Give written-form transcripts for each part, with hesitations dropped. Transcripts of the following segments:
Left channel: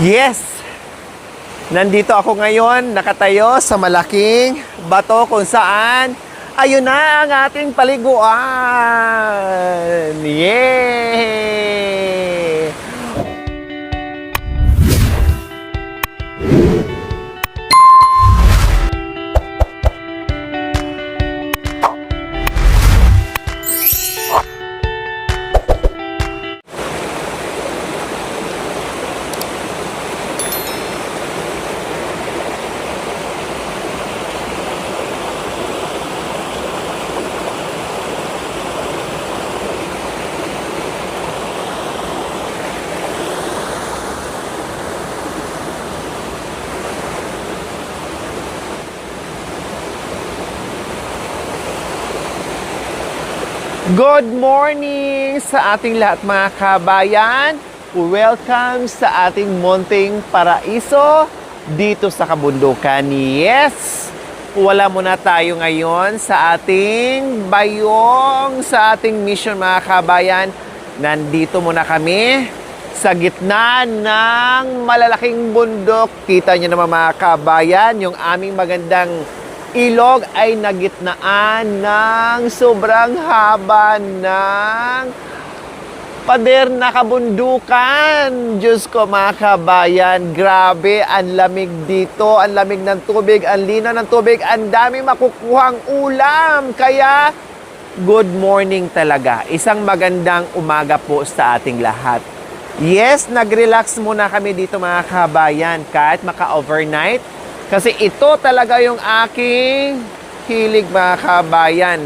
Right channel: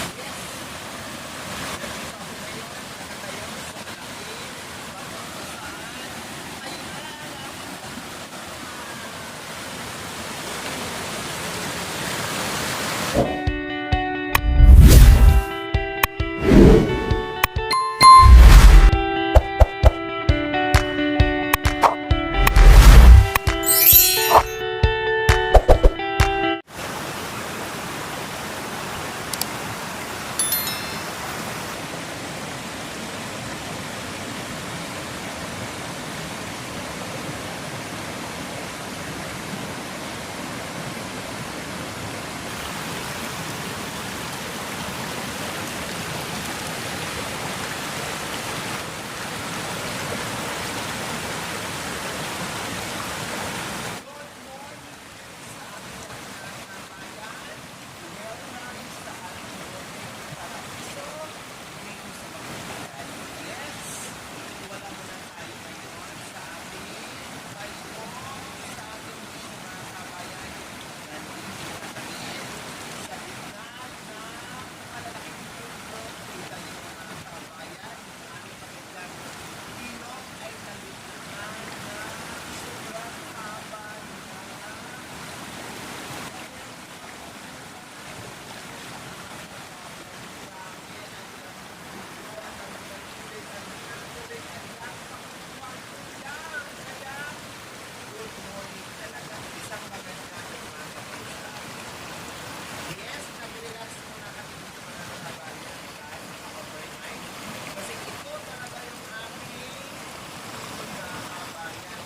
Yes! Nandito ako ngayon, nakatayo sa malaking bato kung saan ayun na ang ating paliguan! Yay! Good morning sa ating lahat mga kabayan. Welcome sa ating munting paraiso dito sa kabundukan. Yes! Wala muna tayo ngayon sa ating bayong, sa ating mission mga kabayan. Nandito muna kami sa gitna ng malalaking bundok. Kita nyo naman mga kabayan, yung aming magandang ilog ay nagitnaan ng sobrang haba ng pader na kabundukan. Diyos ko mga kabayan, grabe, ang lamig dito, ang lamig ng tubig, ang linaw ng tubig, ang dami makukuhang ulam. Kaya, good morning talaga. Isang magandang umaga po sa ating lahat. Yes, nag-relax muna kami dito mga kabayan kahit maka-overnight. Kasi ito talaga yung aking hilig mga kabayan.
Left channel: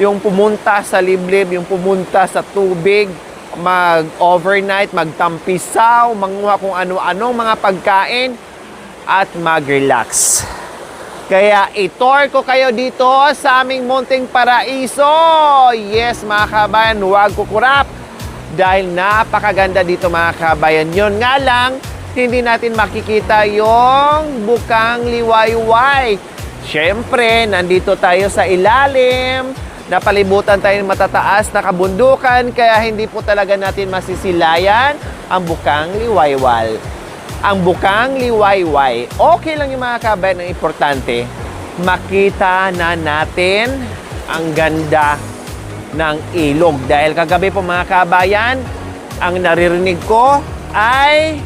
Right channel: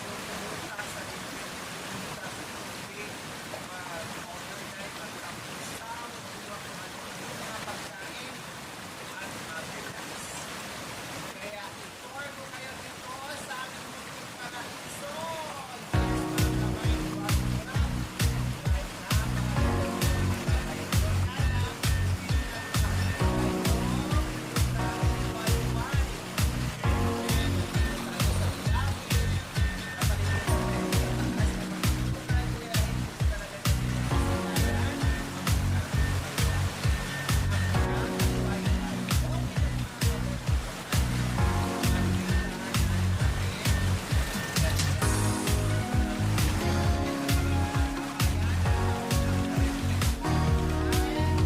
Yung pumunta sa liblib, yung pumunta sa tubig, mag-overnight, magtampisaw, manguha kung ano-anong mga pagkain, at mag-relax. Kaya itour ko kayo dito sa aming munting paraiso. Yes mga kabayan, huwag kukurap. Dahil napakaganda dito mga kabayan. Yun nga lang, hindi natin makikita yung bukang liwayway. Siyempre, nandito tayo sa ilalim, napalibutan tayo ng matataas na kabundukan, kaya hindi po talaga natin masisilayan ang bukang liwayway. Ang bukang liwayway, okay lang yung mga kabayan, ang importante, makita na natin ang ganda ng ilog. Dahil kagabi po mga kabayan, ang naririnig ko ay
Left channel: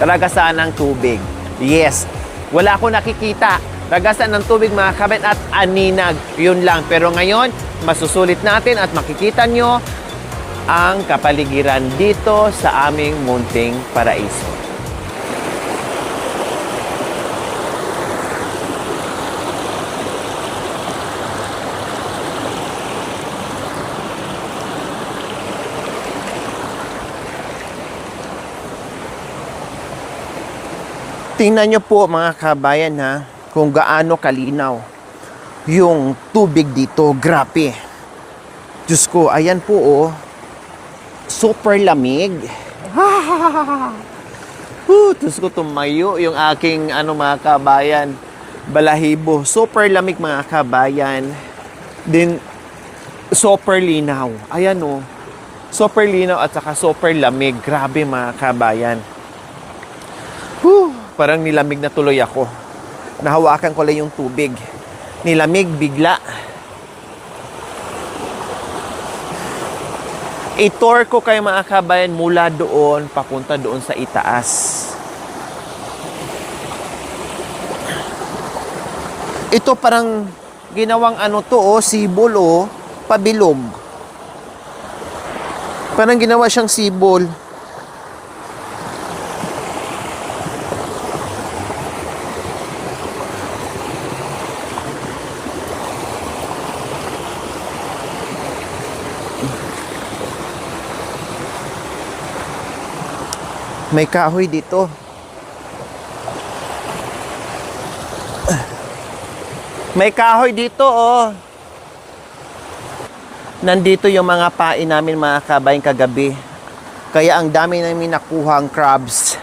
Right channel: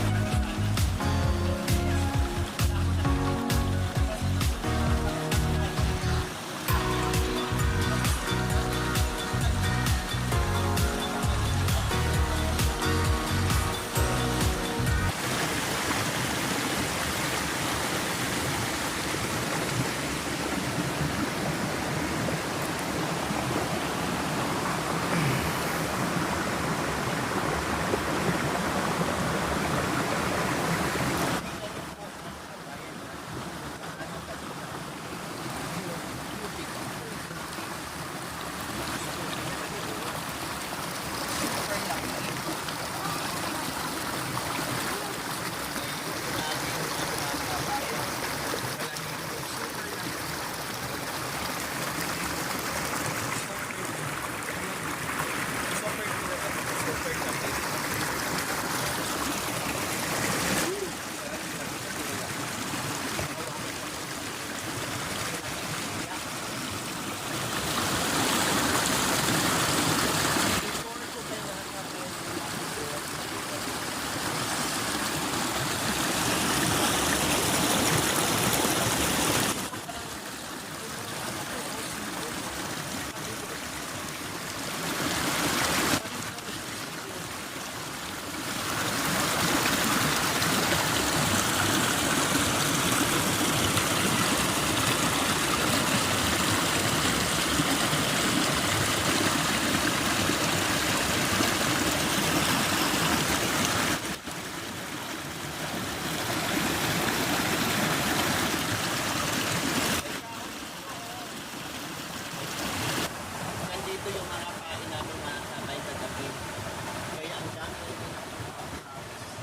ragasan ng tubig. Yes. Wala akong nakikita. Ragasan ng tubig mga kabit at aninag. Yun lang. Pero ngayon, masusulit natin at makikita nyo ang kapaligiran dito sa aming munting paraiso. Tingnan nyo po mga kabayan ha, kung gaano kalinaw yung tubig dito. Grabe. Diyos ko, ayan po oh. Super lamig. Diyos ko, tumayo yung aking mga kabayan, balahibo. Super lamig mga kabayan. Then, super linaw. Ayan oh. Super linaw at saka super lamig. Grabe mga kabayan. Parang nilamig na tuloy ako. Nahawakan ko lang yung tubig. Nilamig bigla. I-tour ko kayo mga kabayan mula doon, papunta doon sa itaas. Ito parang ginawang sibol pabilog. Parang ginawa siyang sibol. May kahoy dito. May kahoy dito, oh. Nandito yung mga pain namin mga kabayan kagabi. Kaya ang dami namin nakuhang crabs.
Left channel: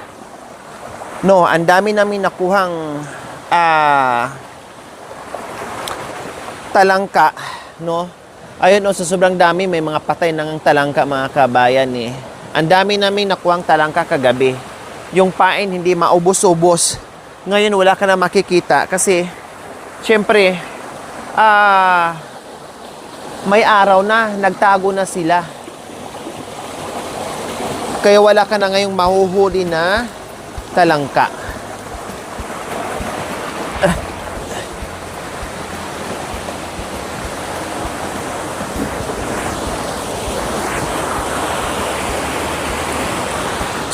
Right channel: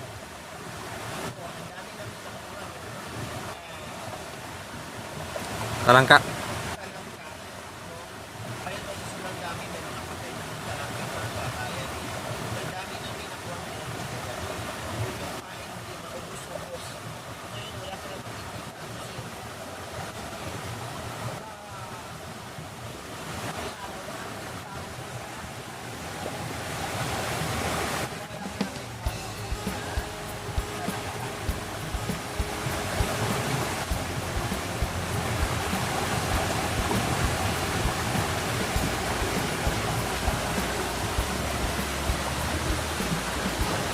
No, ang dami namin nakuhang talangka, no? Ayun, sa sobrang dami, may mga patay ng talangka mga kabayan eh. Ang dami namin nakuhang talangka kagabi. yung pain hindi maubos-ubos. Ngayon wala ka na makikita kasi syempre may araw na, nagtago na sila. Kaya wala ka na ngayong mahuhuli na talangka.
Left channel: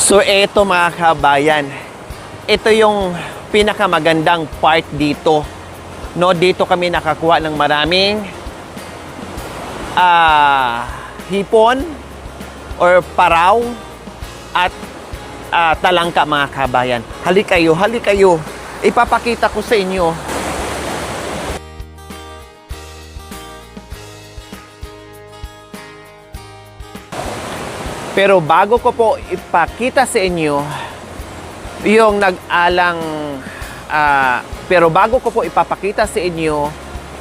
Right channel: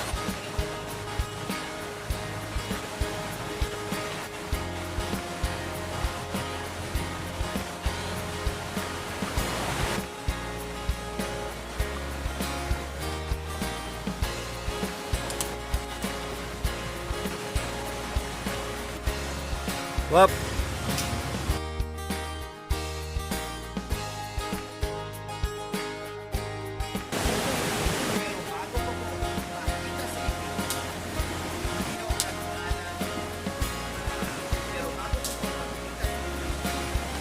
So eto mga kabayan, ito yung pinakamagandang part dito. No, dito kami nakakuha ng maraming hipon or paraw at talangka mga kabayan. Halik kayo. Ipapakita ko sa inyo. Pero bago ko po ipakita sa inyo yung pero bago ko po ipapakita sa inyo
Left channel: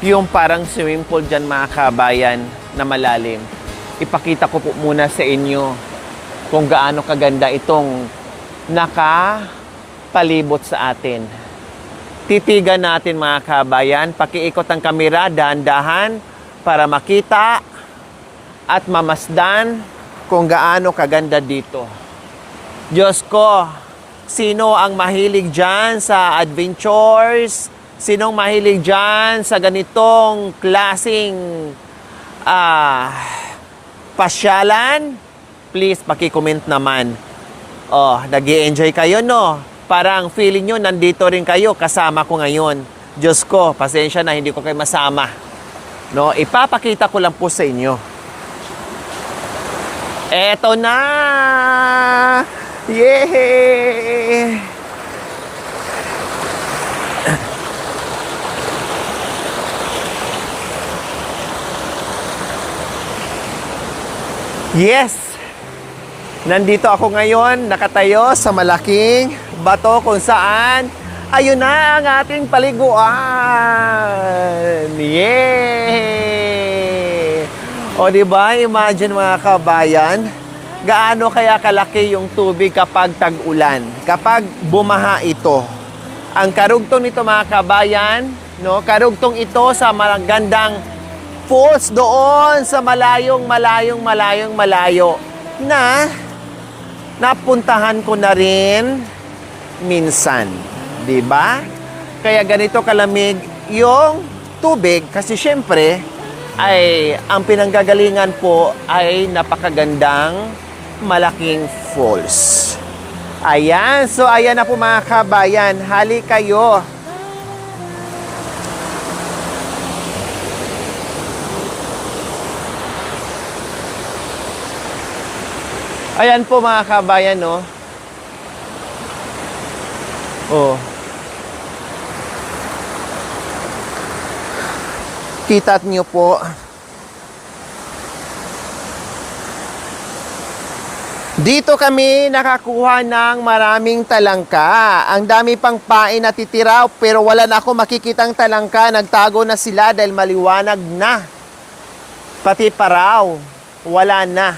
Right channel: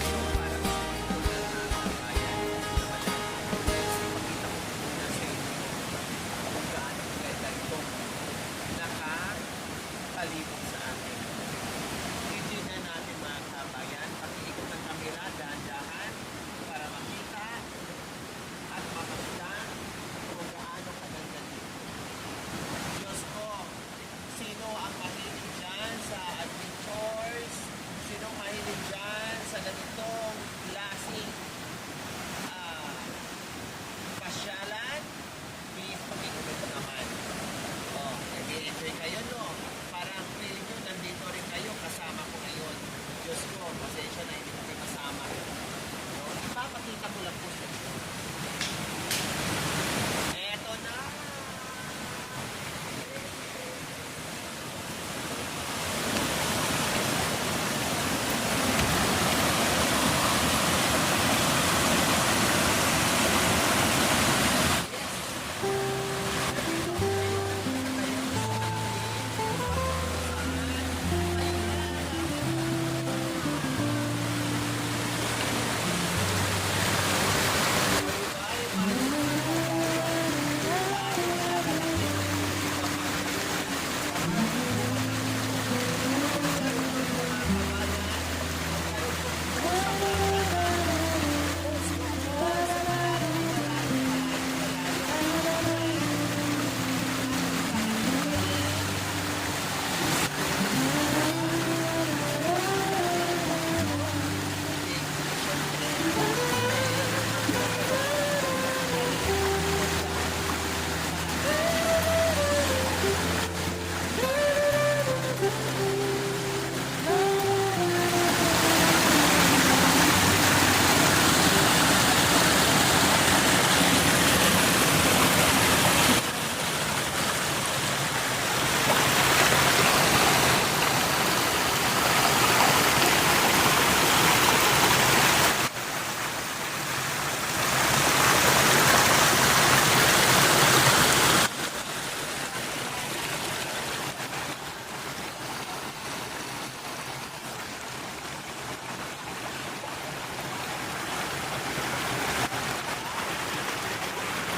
yung parang swimming pool dyan mga kabayan na malalim, ipakita ko po muna sa inyo kung gaano kaganda itong nakapalibot sa atin. Titigan natin mga kabayan, pakiikot ang kamera, dahan-dahan para makita at mamasdan kung gaano kaganda dito. Diyos ko, sino ang mahilig dyan sa adventures? Sinong mahilig dyan sa ganitong klaseng pasyalan? Please, paki-comment naman. Oh, nag-i-enjoy kayo, no? Parang feeling nyo, nandito rin kayo, kasama ko ngayon. Diyos ko, pasensya na, hindi ko kayo masama. No? Ipapakita ko lang po sa inyo. Eto na! Yay! Yes! Nandito ako ngayon, nakatayo sa malaking bato kung saan ayun na ang ating paliguan. Yay! O diba, imagine mga kabayan, gaano kaya kalaki yung tubig kapag tag-ulan, kapag bumaha ito. Ang karugtong nito mga kabayan, no, karugtong ito sa magandang falls doon sa malayo na napuntahan ko na rin minsan, di ba? Kaya ganito kalamig yung tubig kasi syempre ay ang pinanggagalingan po ay napakagandang malaking falls. Ayan, so ayan na po mga kabayan, hali kayo. Ayan po mga kabayan, no? Oh. Kita niyo po. Dito kami nakakuha ng maraming talangka. Ang dami pang pain na titira pero wala na ako makikitang talangka. Nagtago na sila dahil maliwanag na. Pati paraw, wala na.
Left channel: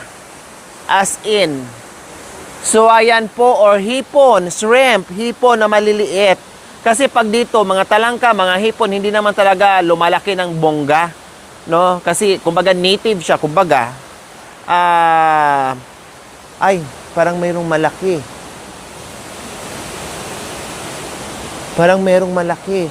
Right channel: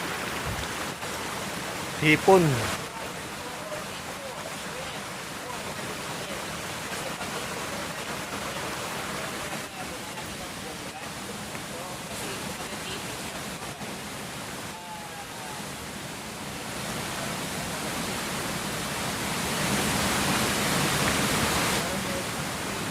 As in, hipon. So ayan po, or hipon, shrimp, hipon na maliliit. Kasi pag dito, mga talangka, mga hipon, hindi naman talaga lumalaki ng bongga. No? Kasi, kumbaga, native siya. Kumbaga, ay, parang mayroong malaki. Parang mayroong malaki.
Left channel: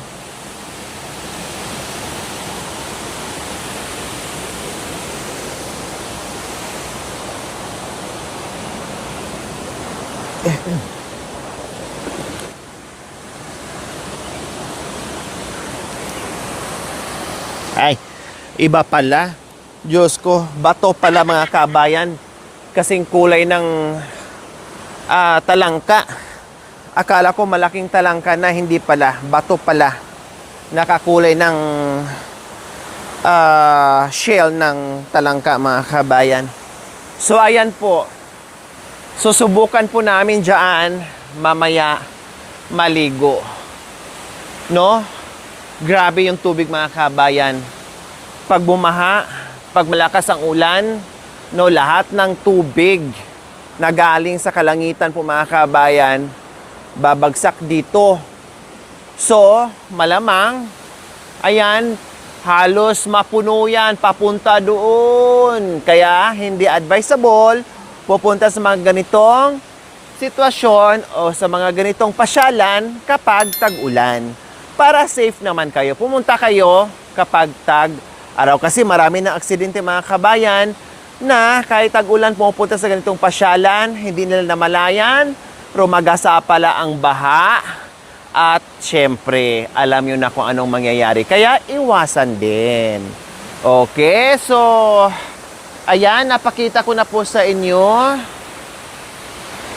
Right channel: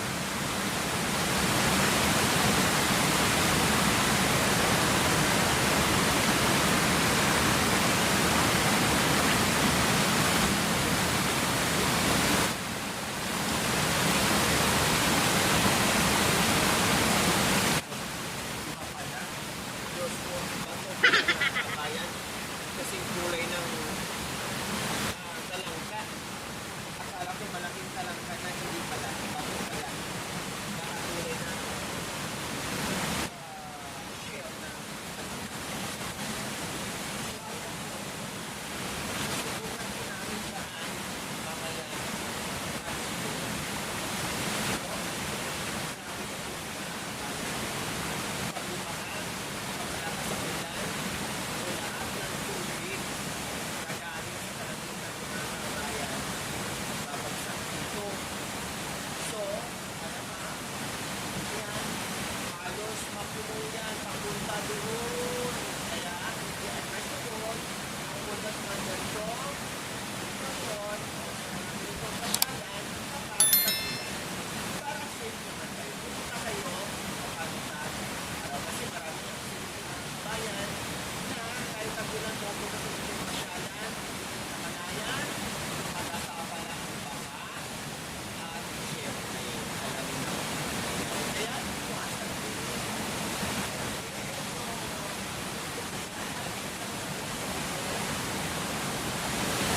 Ay, iba pala. Diyos ko, bato pala mga kabayan. Kasing kulay ng talangka. Akala ko malaking talangka na, hindi pala. Bato pala. Nakakulay ng shell ng talangka mga kabayan. So ayan po. Susubukan po namin dyan mamaya maligo. No? Grabe yung tubig mga kabayan. Pag bumaha, pag malakas ang ulan, no, lahat ng tubig na galing sa kalangitan po mga kabayan, babagsak dito. So, malamang, ayan, halos mapuno yan, papunta doon. Kaya, hindi advisable pupunta sa mga ganitong sitwasyon o sa mga ganitong pasyalan kapag tag-ulan. Para safe naman kayo, pumunta kayo kapag tag-araw. Kasi marami ng aksidente mga kabayan na kahit tag-ulan pumupunta sa ganitong pasyalan, hindi nila namalayan, pero magasa pala ang baha. At syempre, alam nyo na kung anong mangyayari. Kaya iwasan din. Okay, so ayan, napakita ko na po sa inyo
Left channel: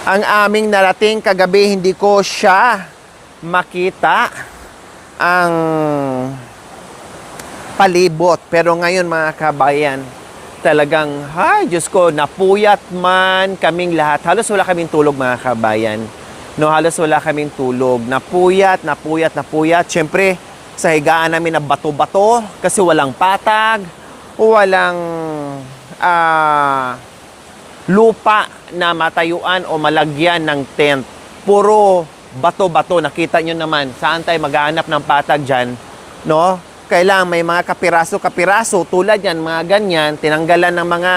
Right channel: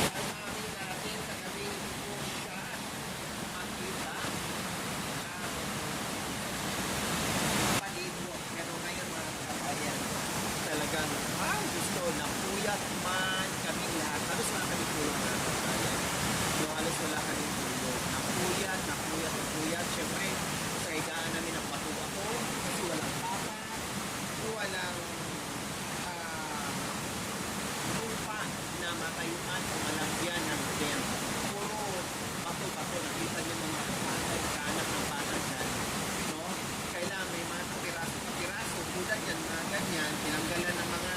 ang aming narating kagabi. Hindi ko siya makita ang palibot. Pero ngayon mga kabayan, talagang, ay Diyos ko, napuyat man kaming lahat. Halos wala kaming tulog mga kabayan. No, halos wala kaming tulog. Napuyat. Siyempre, sa higaan namin na bato-bato kasi walang patag, walang lupa na matayuan o malagyan ng tent. Puro bato-bato. Nakita nyo naman, saan tayo maghahanap ng patag dyan? No? Kailangan may mga kapiraso-kapiraso tulad yan, mga ganyan, tinanggalan ng mga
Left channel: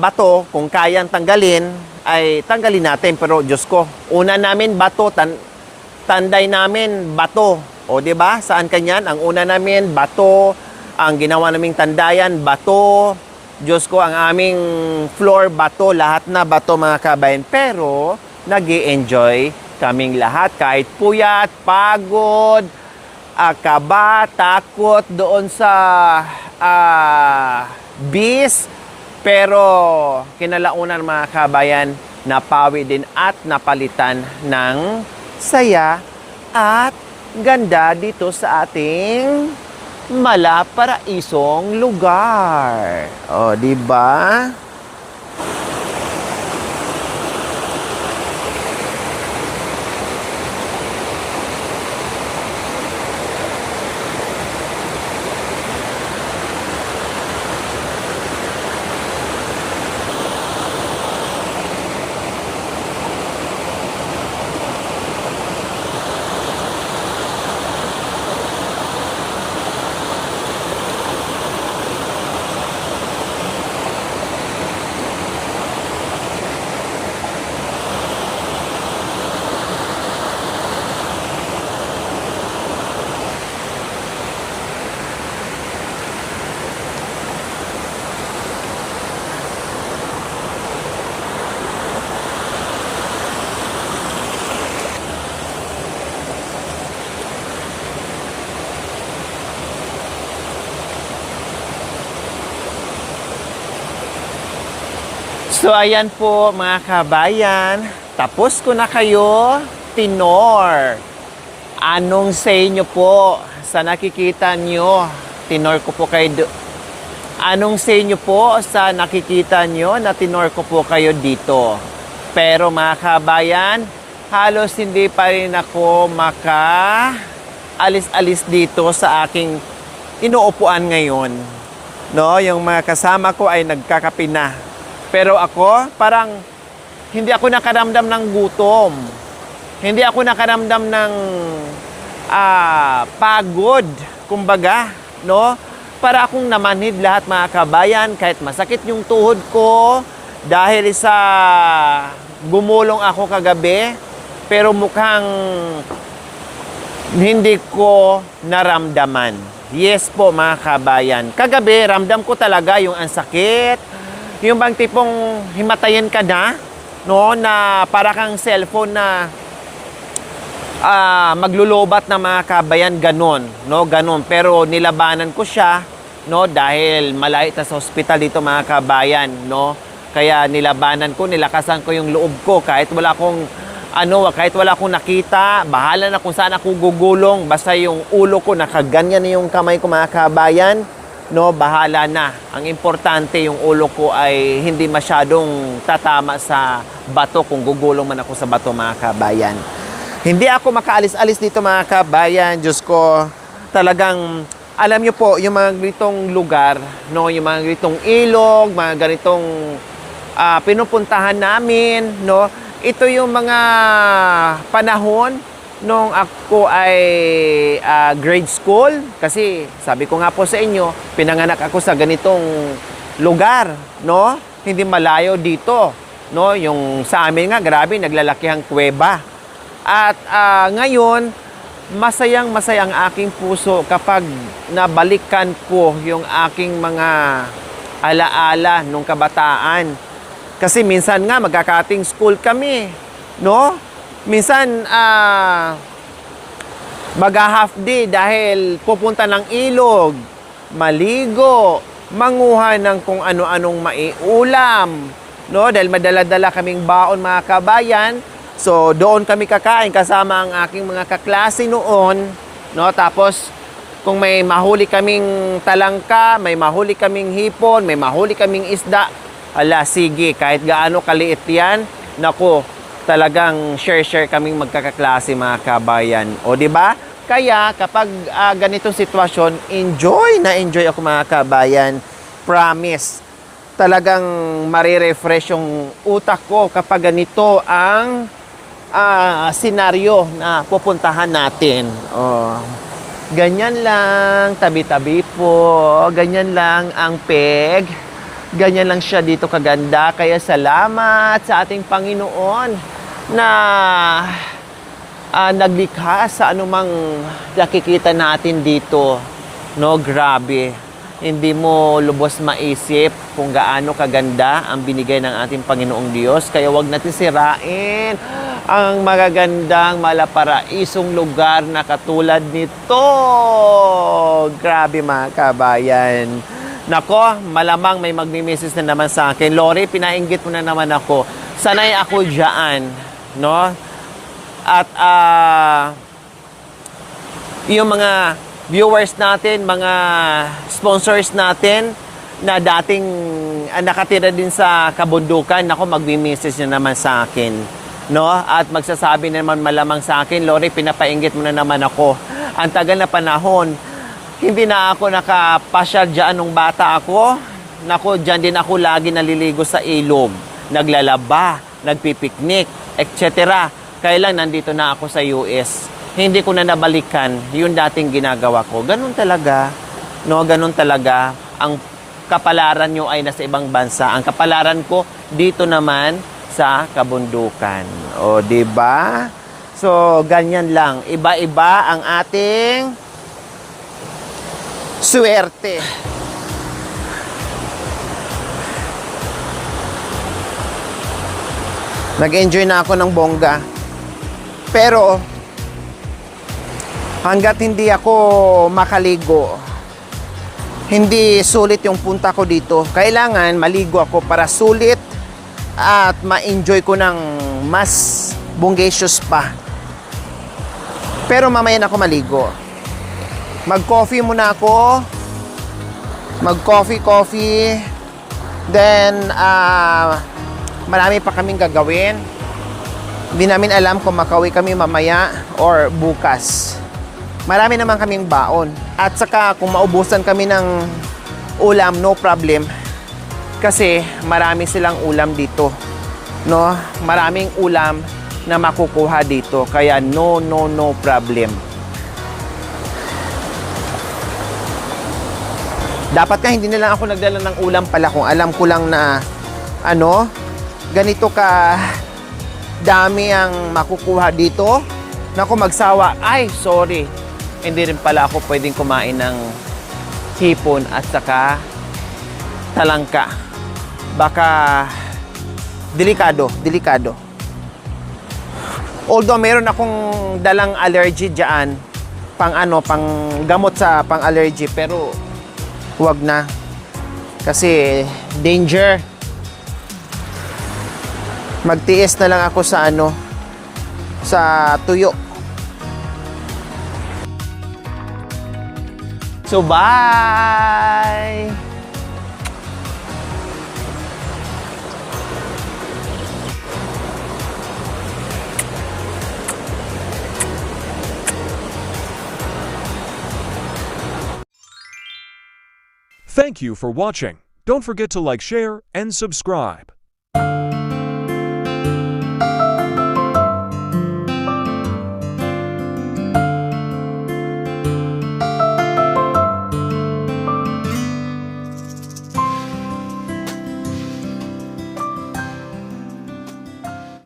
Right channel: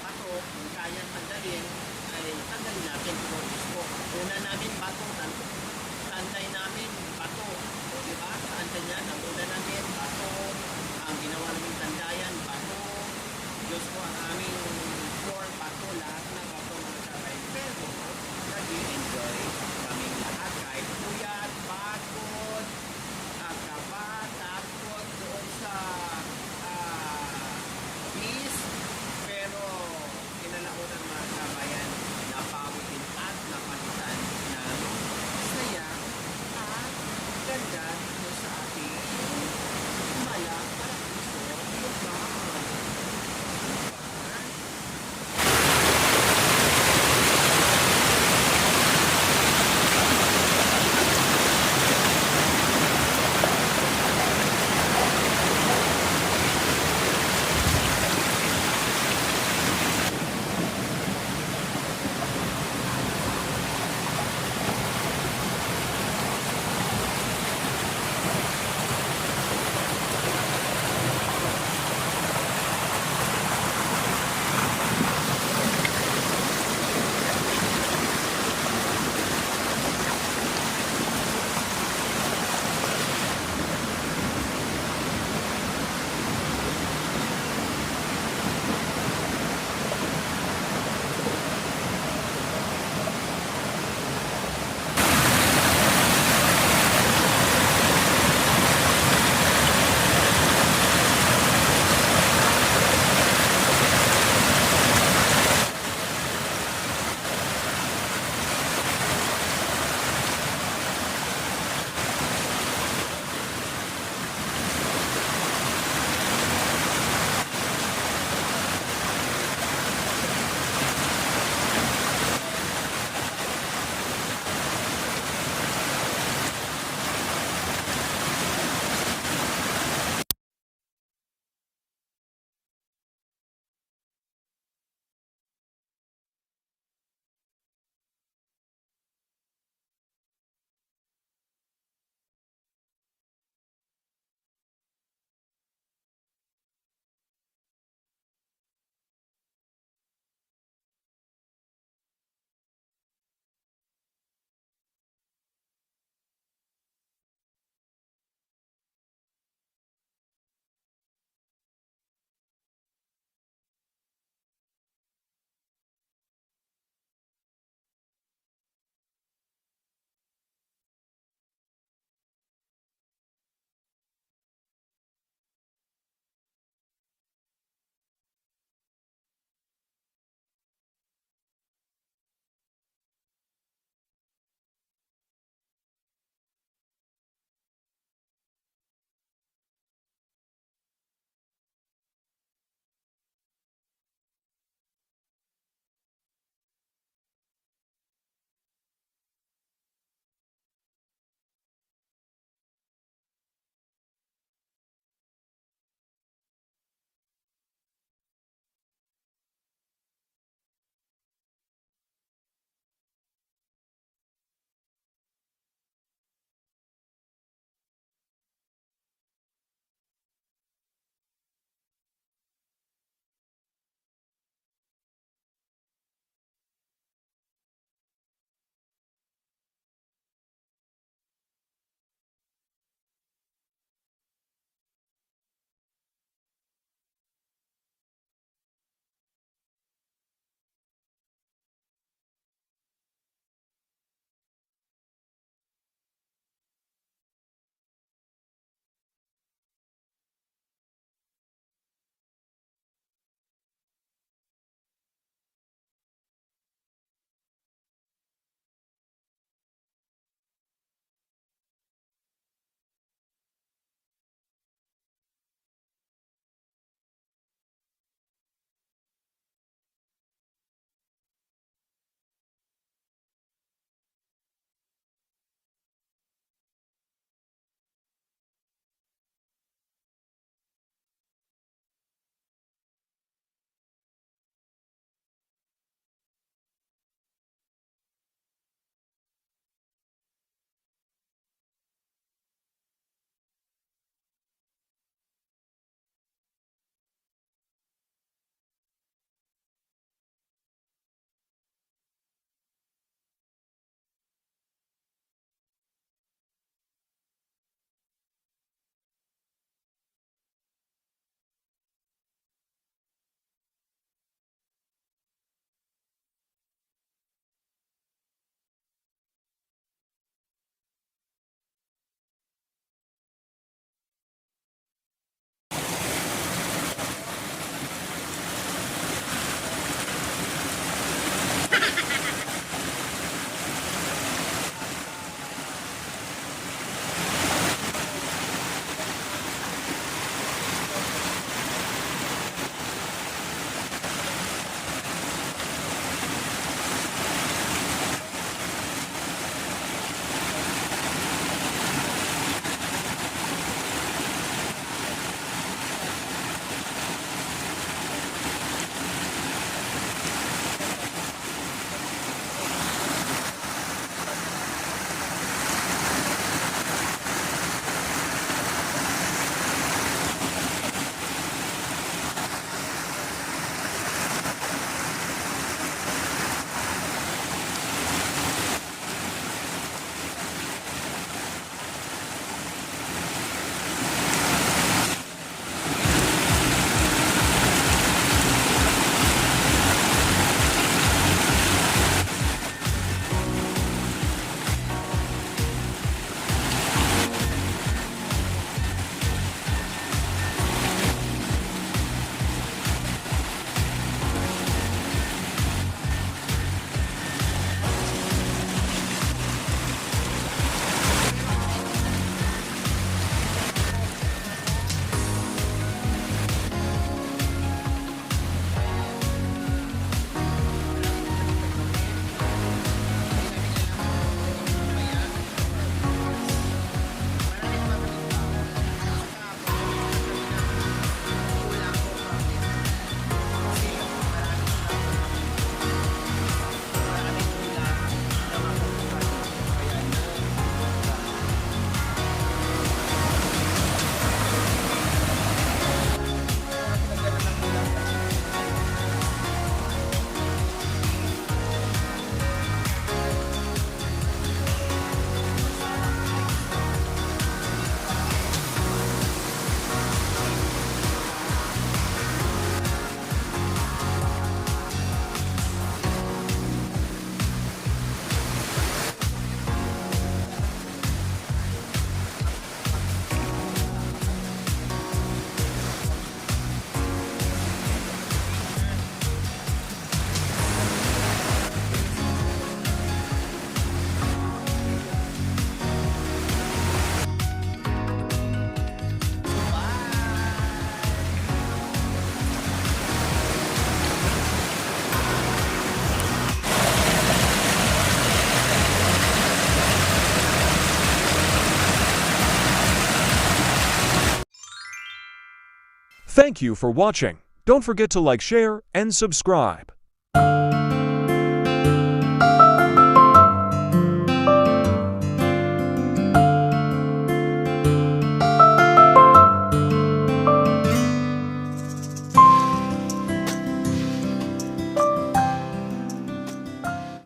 bato. Kung kayang tanggalin, ay tanggalin natin. Pero Diyos ko, una namin bato, tanday namin bato. O di ba? Saan kanyan? Ang una namin bato, ang ginawa naming tandayan bato. Diyos ko, ang aming floor bato, lahat na bato mga kabayan. Pero nag-i-enjoy kaming lahat kahit puyat, pagod, kaba, takot doon sa bis. Pero kinalaunan mga kabayan, napawi din at napalitan ng saya at ganda dito sa ating malaparaisong lugar. O, di ba? So ayan po mga kabayan, tapos ko na kayo tinor. Anong say nyo po sa nakikita nyo? Tinor ko po kayo. Anong say nyo po sa nakikita nyo na tinor ko po kayo dito? Pero mga kabayan, halos hindi pa rin ako maka-alis-alis dito sa aking inuupuan ngayon. No, yung mga kasama ko ay nagkakape na. Pero ako, parang hindi ako nakaramdam ng gutom. Hindi ako nakaramdam ng pagod, kumbaga, no? Para akong namanhid lahat mga kabayan, kahit masakit yung tuhod ko dahil sa gumulong ako kagabi, pero mukhang hindi ko naramdaman. Yes po mga kabayan. Kagabi, ramdam ko talaga yung ang sakit. Yung bang tipong himatayin ka na, no, na para kang cellphone na maglulubat na mga kabayan, ganon, no, ganon. Pero nilabanan ko siya, no, dahil malayo sa hospital dito mga kabayan, no. Kaya nilabanan ko, nilakasan ko yung loob ko kahit wala akong kahit wala akong nakita, bahala na kung saan ako gugulong, basta yung ulo ko nakaganyan na yung kamay ko mga kabayan. No, bahala na. Ang importante yung ulo ko ay hindi masyadong tatama sa bato kung gugulong man ako sa bato mga kabayan. Hindi ako makaalis-alis dito mga kabayan. Diyos ko, talagang alam nyo po, yung mga ganitong lugar, no, yung mga ganitong ilog, mga ganitong pinupuntahan namin, no? Ito yung mga panahon nung ako ay grade school. Kasi sabi ko nga po sa inyo, pinanganak ako sa ganitong lugar, no? Hindi malayo dito, no? Yung sa amin nga, grabe, naglalakihang kuweba. At ngayon, masayang-masaya ang aking puso kapag nabalikan ko yung aking mga alaala nung kabataan. Kasi minsan nga magkakating school kami, no? Minsan mag-half day dahil pupunta ng ilog, maligo, manguha ng kung ano-anong maiulam, no? Dahil madala-dala kaming baon mga kabayan. So doon kami kakain kasama ang aking mga kaklase noon, no? Tapos kung may mahuli kaming talangka, may mahuli kaming hipon, may mahuli kaming isda, ala, sige, kahit gaano kaliit yan, naku, talagang share-share kaming magkakaklase mga kabayan. O, di ba? Kaya, kapag ganitong sitwasyon, enjoy ako mga kabayan. Promise. Talagang marirefresh yung utak ko kapag ganito ang senaryo na pupuntahan natin. O, ganyan lang, tabi-tabi po. Ganyan lang ang peg. Ganyan lang siya dito kaganda. Kaya salamat sa ating Panginoon na naglikha sa anumang nakikita natin dito. No, grabe. Hindi mo lubos maisip kung gaano kaganda ang binigay ng ating Panginoong Diyos. Kaya wag natin sirain ang magagandang malaparaisong lugar na katulad nito. Grabe mga kabayan. Nako, malamang may magmi-message na naman sa akin. Lori, pinainggit mo na naman ako. Sanay ako dyan, no? At yung mga viewers natin, mga sponsors natin na dating nakatira din sa kabundukan, nako, magmi-message na naman sa akin, no? At magsasabi na naman malamang sa akin, Lori, pinapainggit mo na naman ako. Ang tagal na panahon, hindi na ako nakapasyal dyan nung bata ako. Naku, dyan din ako lagi naliligo sa ilog. Naglalaba, nagpipiknik, etc. Kaya lang nandito na ako sa US. Hindi ko na nabalikan yung dating ginagawa ko. Ganun talaga. No, ganun talaga. Ang kapalaran nyo ay nasa ibang bansa. Ang kapalaran ko dito naman sa kabundukan. O, diba? So, ganyan lang. Iba-iba ang ating swerte. Nag-enjoy na ako ng bongga. Pero hanggat hindi ako makaligo, hindi sulit yung punta ko dito. Kailangan maligo ako para sulit at ma-enjoy ko ng mas bonggacious pa. Pero mamaya na ako maligo. Mag-coffee muna ako. Mag-coffee. Then, marami pa kaming gagawin. Hindi namin alam kung makauwi kami mamaya or bukas. Marami naman kaming baon. At saka, kung maubusan kami ng ulam, no problem. Kasi, marami silang ulam dito. No? Maraming ulam na makukuha dito. Kaya, no problem. Dapat ka hindi na lang ako nagdala ng ulam pala kung alam ko lang na ganito ka dami ang makukuha dito. Naku, magsawa. Ay, sorry. Hindi rin pala ako pwedeng kumain ng hipon at saka talangka. Baka delikado. Although meron akong dalang allergy dyan, pang gamot sa pang allergy, pero huwag na. Kasi danger. Magtiis na lang ako sa sa tuyo. So, bye! Thank you for watching. Don't forget to like, share, and subscribe.